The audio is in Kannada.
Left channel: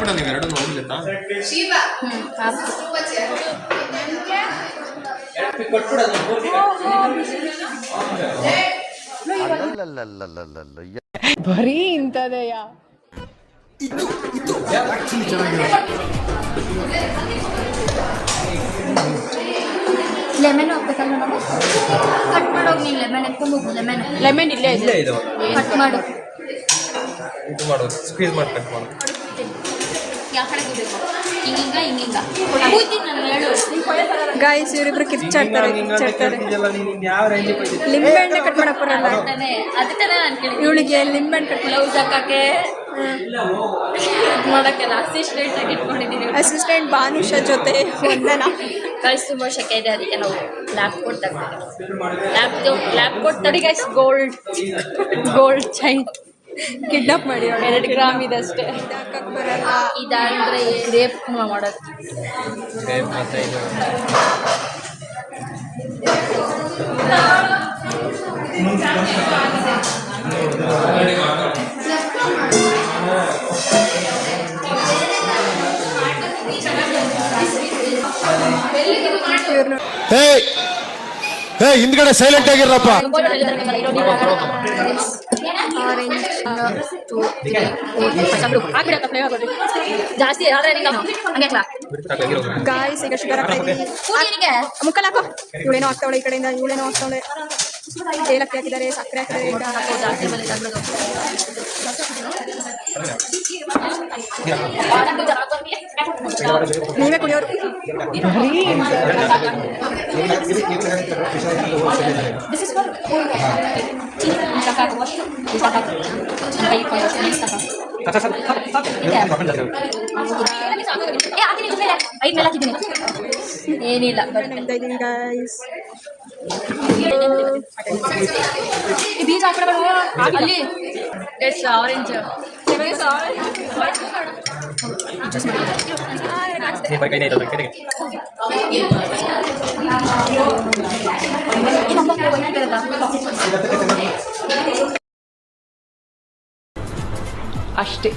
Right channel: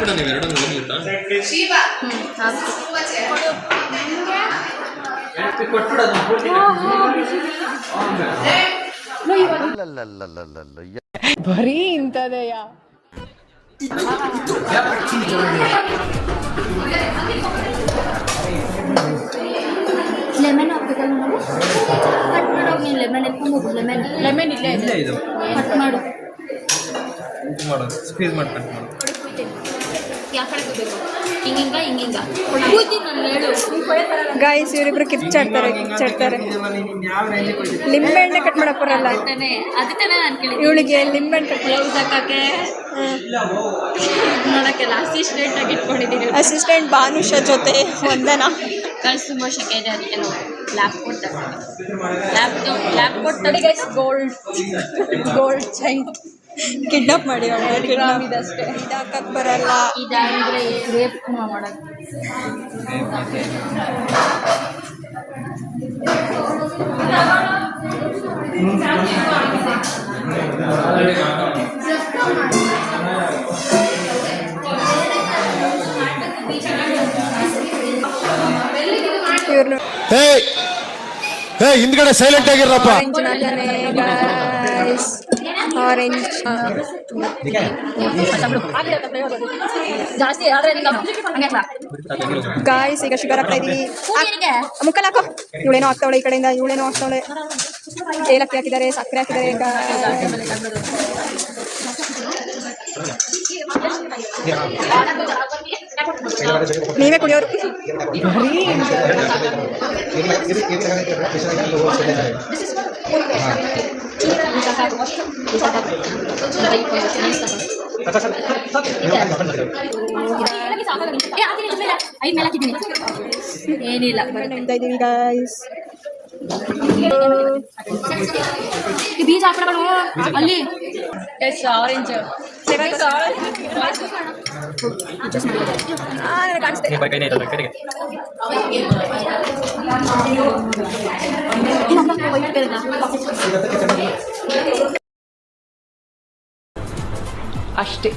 ಹಾಕ್ಬಿಡ ನೀವು ಎರಡು ನೋಡಿಲ್ತಾ ಬರೀ ಇಂಥದೆಯ ಲೆಮನ್ ಹಾಕ್ಬೇಕಲ್ಲ ನಾವು ಕಟ್ ಮಾಡೋಗಿ ನೀನು ಲೆಮನ್ ಎತ್ಕೊಂಡು ಹೋಗು ಲೆಮನ್ ಇಲ್ಲೇ ಇದೆ ಕಟ್ ಮಾಡು ಇದು ಮಾಡು ಸ್ಕ್ವೀಸ್ ಮಾಡಿ ಕಟ್ ಮಾಡು ಯಾವ ಕಡೆ ಬೇಕು ಹಿಂಗಿಂಗ ಕೂಯ್ತೀನಿ ನಾನು ಹೇಳು ಗಾಯ್ಸ್ ಇವರಿಬ್ರು ಕಿರ್ಚಾಡ್ತಾರೆ ಲಿಂಬೆಹಣ್ಣೆ ಕಟ್ ಮಾಡಕ್ ಬರಲ್ಲ ಅದಕ್ಕೆ ನಾನು ಕೇಳಿ ಇವಳಿಗೆ ಲಿಂಬೆಹಣ್ಣು ಕಟ್ ಬ್ಲೌಸ್ ಹಾಕಕ್ಕೆ ಮಾಡೋಕ್ಕೆಲ್ಲ ಅಸಿಸ್ಟೆಂಟ್ ಆಗಿ ಇಟ್ಕೊಂಡಿದ್ದೀನಿ ಅಸಿಸ್ಟೆಂಟ್ ಭಾನುಷ ಜೊತೆ ವಂದನಾ ಗೈಸ್ ತುಂಬ ಶೆಕೆ ಇದೆ ಅದಕ್ಕೆ ನಾವು ಲ್ಯಾಪ್ ಕೊಟ್ಟು ಲ್ಯಾಪ್ ಕೊಟ್ಟು ನೋಡಿ ಗೈಸ್ ಗೋಲ್ಡ್ ಚೈನ್ ಕಿಡ್ನಾಪ್ ಮಾಡಿ 2 ಗ್ರಾಮ್ ಇದೆ ಅಷ್ಟೇ ಹಾಕಕ್ಕೆ ಬರಲ್ಲ ಇದಾದರೆ ಗ್ರೇಪ್ ಮಾಡೋದು ಹಿಂದ್ಗಡೆ ಸೈಲೆಂಟ್ ಆಗಿರಪ್ಪ ಆರೆಂಜ್ ಜಾಸ್ತಿ ಗಾಯ್ಸ್ ಈಗ ಶುಗರ್ ಹಾಕ್ತಾ ಇದೀವಿ ಮುಕ್ಕಲ್ ಹಾಕೋ ಇವಳೇನೋ ಹಾಕ್ತಾವಳೆ ಈ ಕಡೆಯಿಂದ ಇವಳೇನೋ ಹಾಕ್ತಾವಳೆ ಏಲಕ್ಕಿ ಹಾಕಿದ್ದಾರೆ ಸಕ್ಕರೆ ಹಾಕಿದ್ದಾರೆ ನೀವೇ ಕುಡಿಯೋರು ಏನಿಲ್ಲ ಗೈಸ್ ಬೀಜ ಹಾಕಗಳು ಅಲ್ಲಿ ಎಸ್ ಆರೆಂಜ್ ಅಷ್ಟೇ.